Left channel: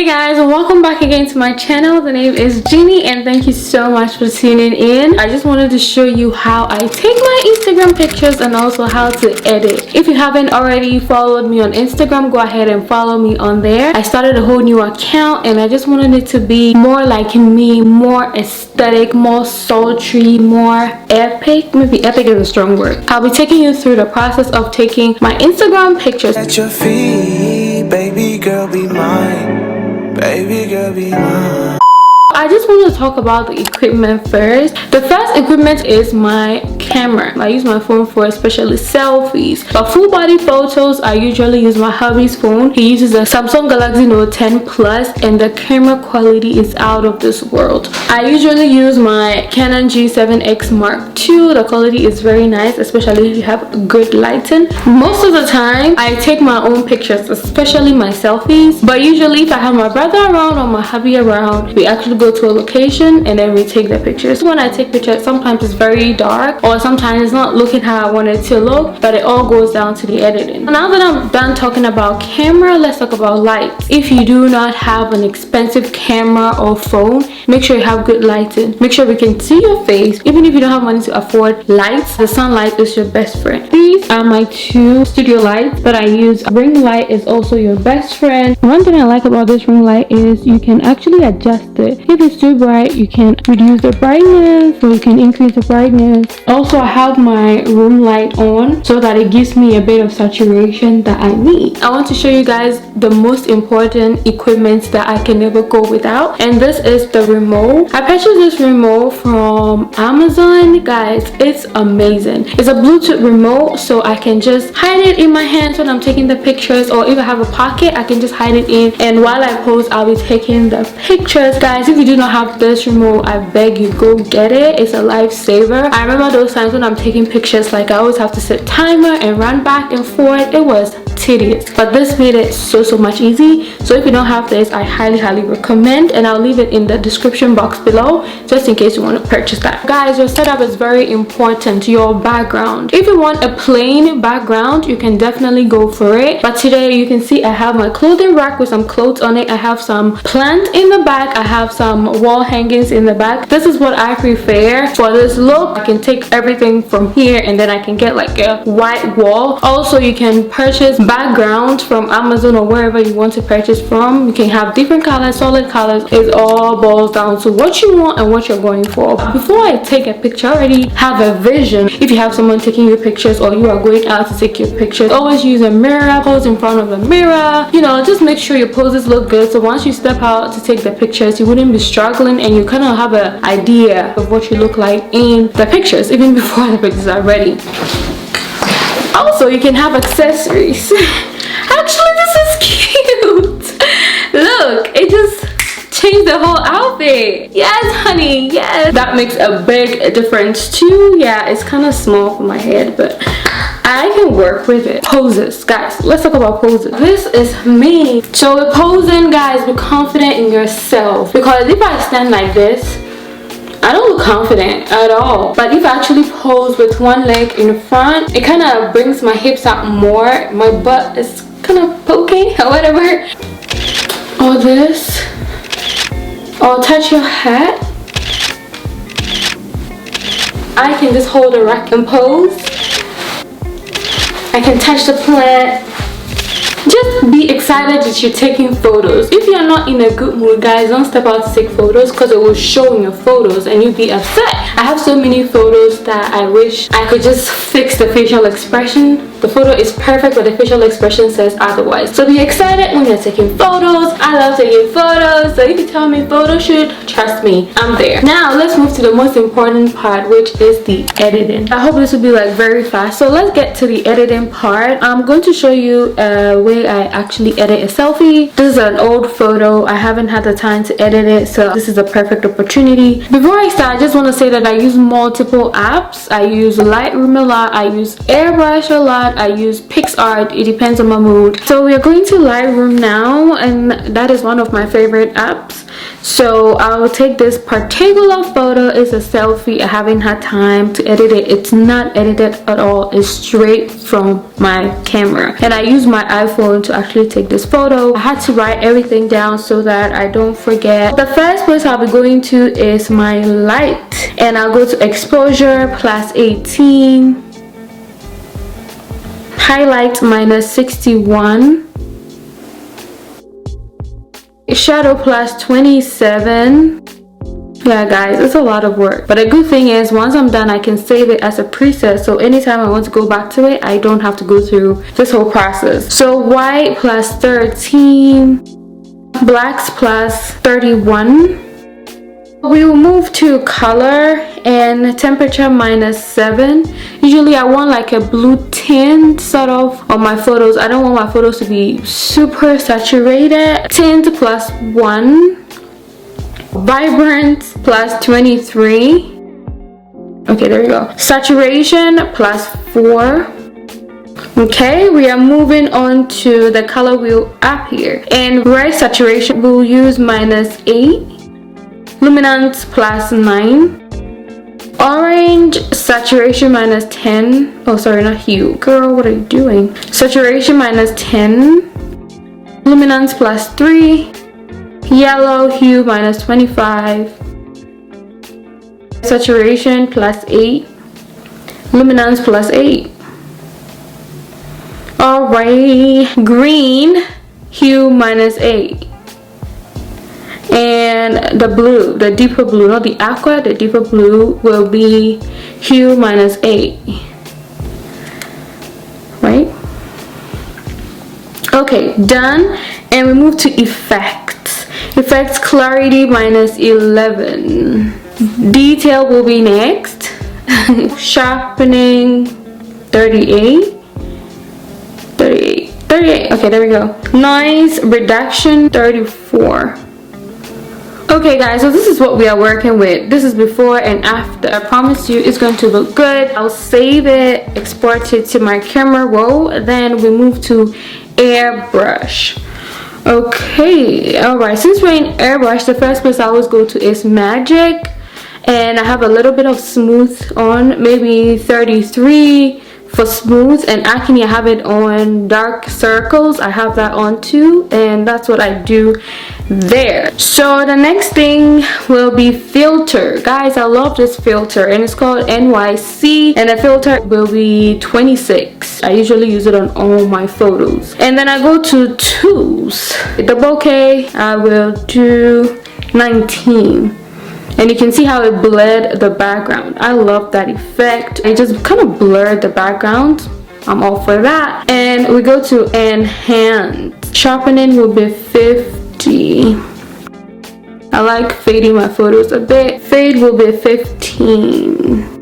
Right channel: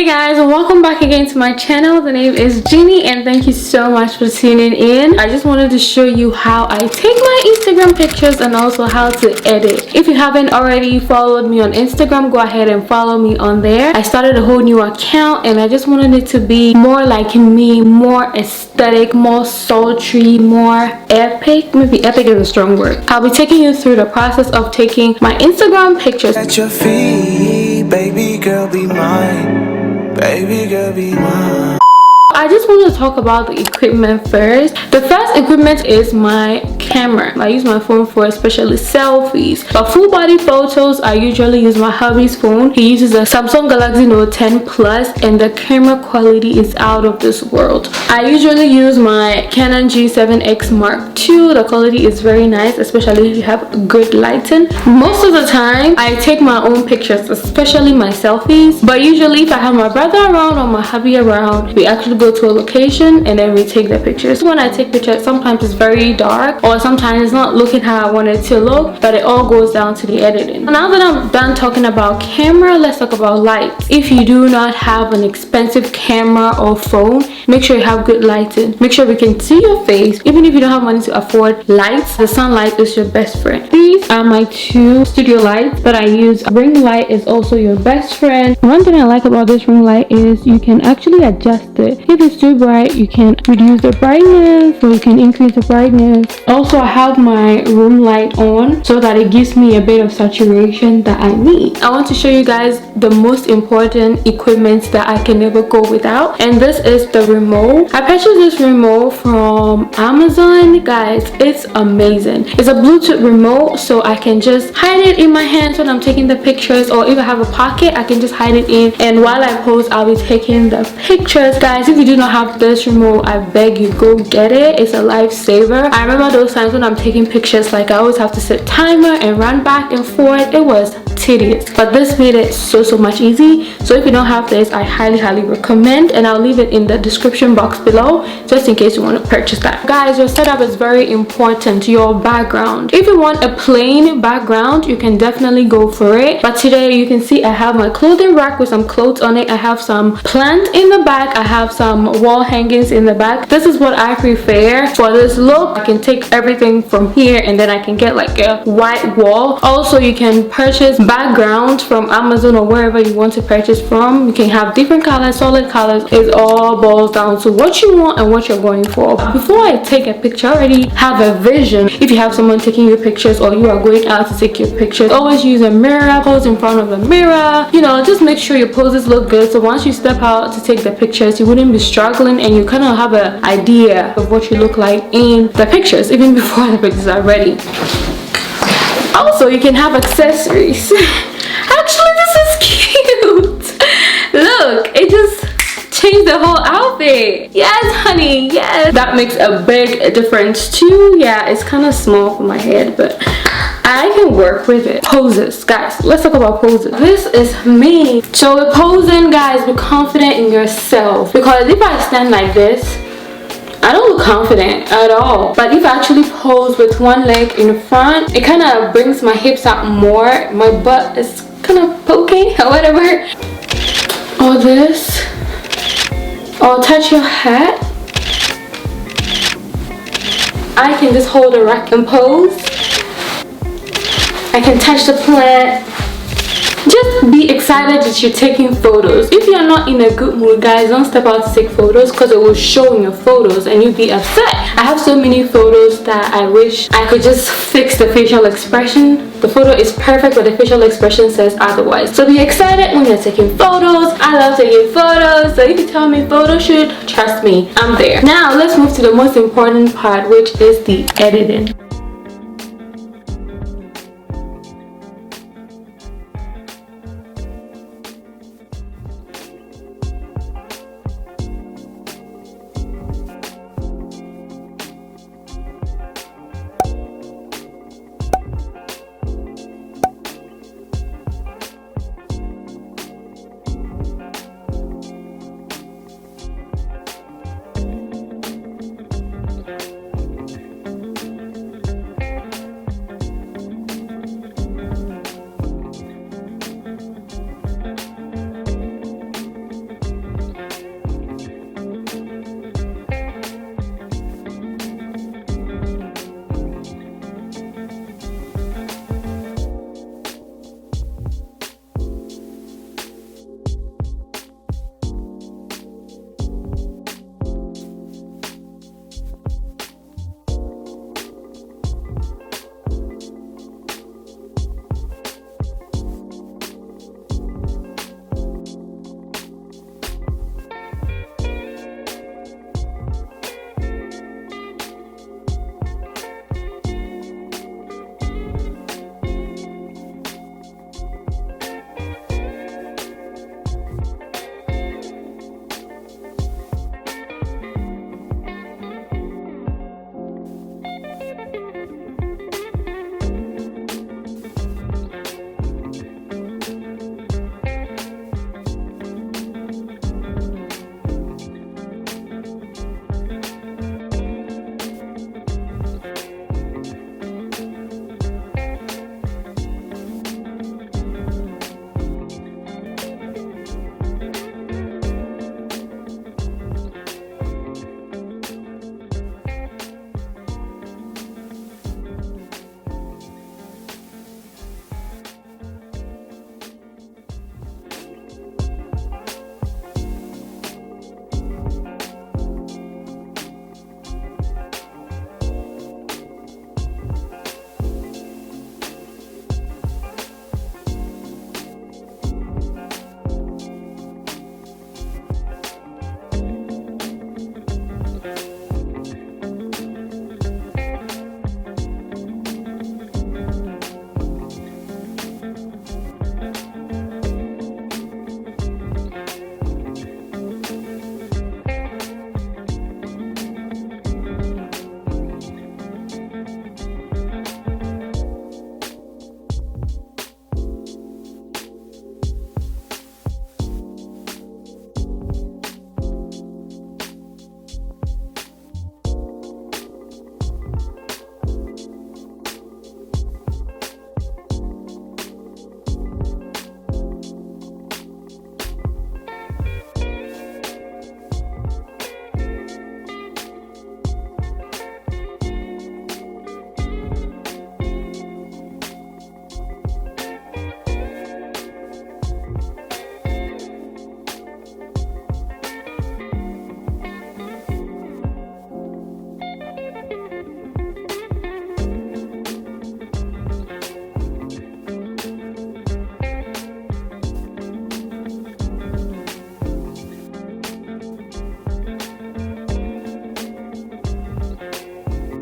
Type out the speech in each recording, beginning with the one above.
Hey guys, welcome back again to my channel. The name is Jeannie and thank you so much for tuning in. I just wanted to show you how I take my Instagram pictures and also how to edit. If you haven't already followed me on Instagram, go ahead and follow me on there. I started a whole new account and I just wanted it to be more like me, more aesthetic, more sultry, more epic. Maybe epic is a strong word. I'll be taking you through the process of taking my Instagram pictures. At your feet, baby girl, be mine. Baby girl, be mine. I just want to talk about the equipment first. The first equipment is my camera. I use my phone for especially selfies, but full body photos I usually use my hubby's phone. He uses a Samsung Galaxy Note 10 Plus and the camera quality is out of this world. I usually use my Canon G7X Mark II. The quality is very nice, especially if you have good lighting. Most of the time I take my own pictures, especially my selfies, but usually if I have my brother around or my hubby around, we actually go to a location and then we take the pictures. When I take pictures, sometimes it's very dark or sometimes it's not looking how I want it to look, but it all goes down to the editing. Now that I'm done talking about camera, let's talk about lights. If you do not have an expensive camera or phone, make sure you have good lighting. Make sure we can see your face. Even if you don't have money to afford lights, the sunlight is your best friend. These are my two studio lights that I use. Ring light is also your best friend. One thing I like about this ring light is you can actually adjust it. If it's too bright, you can reduce the brightness or you can increase the brightness. Also, I have my room light on so that it gives me a bit of saturation that I need. I want to show you guys the most important equipment that I can never go without, and this is the remote. I purchased this remote from Amazon. Guys, it's amazing. It's a Bluetooth remote, so I can just hide it in my hands when I'm taking the pictures, or if I have a pocket, I can just hide it in, and while I pose, I'll be taking the pictures. Guys, if you do not have this remote, I beg you, go get it. It's a lifesaver. I remember those times when I'm taking pictures, like I always have to set timer and run back and forth. It was tedious, but this made it so much easy. So if you don't have this, I highly recommend, and I'll leave it in the description box below just in case you want to purchase that. Guys, your setup is very important. Your background, if you want a plain background, you can definitely go for it, but today you can see I have my clothing rack with some clothes on it. I have some plant in the back. I have some wall hangings in the back. This is what I prefer for this look. I can take everything from here and then I can get like a white wall. Also, you can purchase background from Amazon or wherever you want to purchase from. You can have different colors, solid colors. It all boils down to what you want and what you're going for. Before I take a picture, I already have a vision. If you have someone taking your pictures or you are going out to take your pictures, always use a mirror. Pose in front of the mirror. You know, just make sure your poses look good, so once you step out to take the pictures, you wouldn't be struggling and you kind of have an idea of what you look like in the pictures even before the pictures are ready. Also, you can have accessories. Actually, this is cute. Look, it just changed the whole outfit. Yes, honey, yes. That makes a big difference too. Yeah, it's kind of small for my head, but I can work with it. Poses, guys, let's talk about poses. This is me. So with posing, guys, be confident in yourself, because if I stand like this, I don't look confident at all. But if I actually pose with one leg in front, it kind of brings my hips out more. My butt is kind of poking or whatever. Or this. Or touch your head. I can just hold a rack and pose. I can touch the plant. Just be excited that you're taking photos. If you're not in a good mood, guys, don't step out to take photos, because it will show in your photos and you'll be upset. I have so many photos that I wish I could just fix the facial expression. The photo is perfect, but the facial expression says otherwise. So be excited when you're taking photos. I love taking photos, so if you tell me photo shoot, trust me, I'm there. Now let's move to the most important part, which is the editing. I hope this will be like very fast. So let's get to the editing part. I'm going to show you a way I actually edit a selfie. This is an old photo. I haven't had the time to edit it, so this is a perfect opportunity. Before I start, I just want to say that I use multiple apps. I use Lightroom a lot. I use Airbrush a lot. I use Picsart. It depends on my mood. So we are going to Lightroom now, and that is one of my favorite apps. So I will take this particular photo. It's a selfie. I haven't had time to edit it. It's not edited at all. It's straight from my camera. And I use my iPhone to actually take this photo. I had to write everything down so that I don't forget. The first place I'll be going to is my light. And I'll go to exposure plus 18. Highlight minus 61. Shadow plus 27. Yeah guys, it's a lot of work, but a good thing is once I'm done I can save it as a preset, so anytime I want to go back to it I don't have to go through this whole process. So white plus 13, blacks plus 31. We will move to color and temperature minus 7. Usually I want like a blue tint sort of on my photos. I don't want my photos to be super saturated. Tint plus 1. Vibrant plus 23. Okay, there we go. Saturation plus 4. Okay, we are moving on to the color wheel up here. And red saturation we'll use minus 8. Luminance plus 9. Orange saturation minus 10. Oh sorry, not hue. Girl, what are you doing? Saturation minus 10. Luminance plus 3. Yellow hue minus 25. Saturation plus 8. Luminance plus 8. Alright, green hue minus 8. And the blue, the deeper blue, not the aqua, the deeper blue will be hue minus 8. Right? Okay, done. And we move to effects. Effects clarity minus 11. Detail will be next. Sharpening 38. 38. Okay, there we go. Noise reduction 34. Okay guys, so this is what we are working with. This is before and after. I promise you it's going to look good. I'll save it, export it to my camera roll, then we move to Airbrush. Okay, alright, since we're in Airbrush, the first place I always go to is Magic. And I have a little bit of smooth on, maybe 33 for smooth, and acne I have it on dark circles. I have that on too, and that's what I do there. So the next thing will be filter. Guys, I love this filter and it's called NYC, and the filter will be 26. I usually use it on all my photos. And then I go to tools. The bokeh I will do 19. And you can see how it blurred the background. I love that effect. It just kind of blurred the background. I'm all for that. And we go to enhance. Sharpening will be 50. I like fading my photos a bit. Fade will be 15.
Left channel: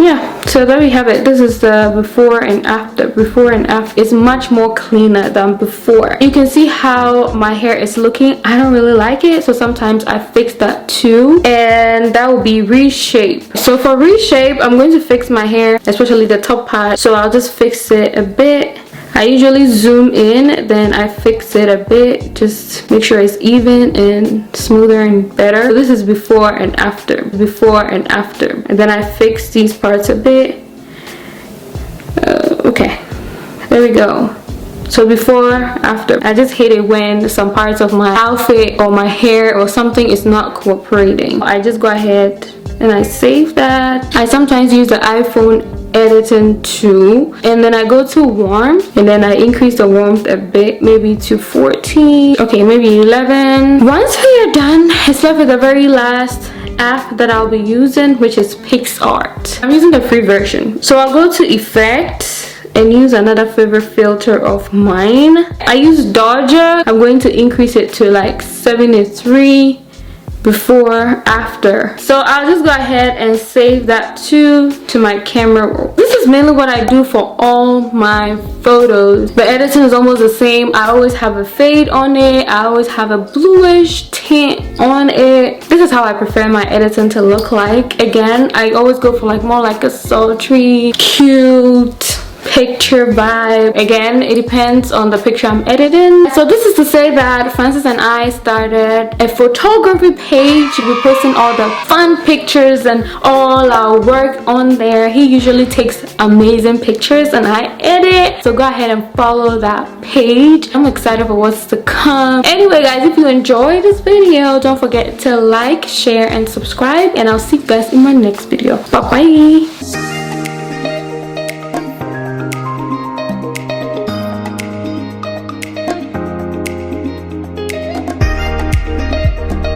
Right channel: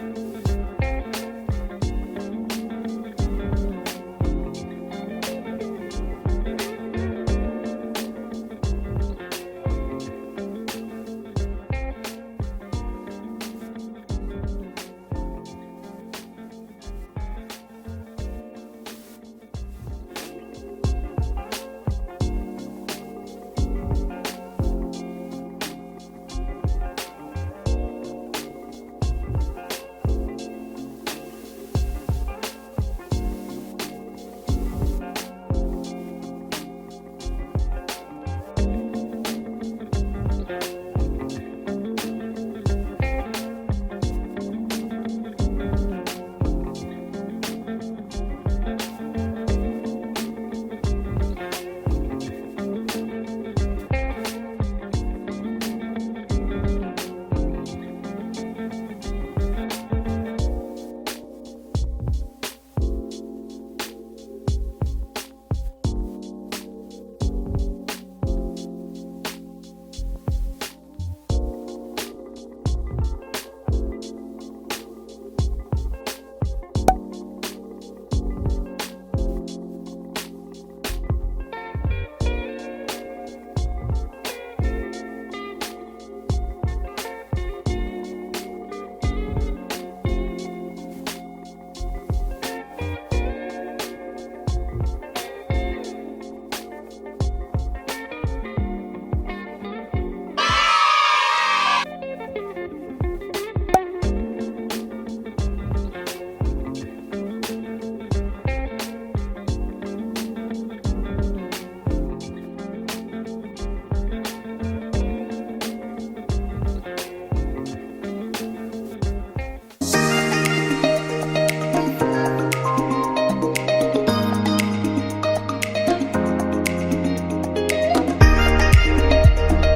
Yeah, so there we have it. This is the before and after. Before and after is much more cleaner than before. You can see how my hair is looking. I don't really like it, so sometimes I fix that too, and that will be reshape. So for reshape, I'm going to fix my hair, especially the top part, so I'll just fix it a bit. I usually zoom in, then I fix it a bit, just make sure it's even and smoother and better. So this is before and after, before and after. And then I fix these parts a bit. Okay, there we go. So before, after. I just hate it when some parts of my outfit or my hair or something is not cooperating. I just go ahead and I save that. I sometimes use the iPhone editing tool, and then I go to warm, and then I increase the warmth a bit, maybe to 14. Okay, maybe 11. Once we are done, it's left with the very last app that I'll be using, which is Picsart. I'm using the free version. So I'll go to effects and use another favorite filter of mine. I use Dodger. I'm going to increase it to like 73. Before, after. So I'll just go ahead and save that too to my camera roll. This is mainly what I do for all my photos. The editing is almost the same. I always have a fade on it. I always have a bluish tint on it. This is how I prefer my editing to look like. Again, I always go for like more like a sultry, cute picture vibe. Again, it depends on the picture I'm editing. So this is to say that Francis and I started a photography page. We're posting all the fun pictures and all our work on there. He usually takes amazing pictures and I edit. So go ahead and follow that page. I'm excited for what's to come. Anyway guys, if you enjoyed this video, don't forget to like, share and subscribe, and I'll see you guys in my next video. Bye bye.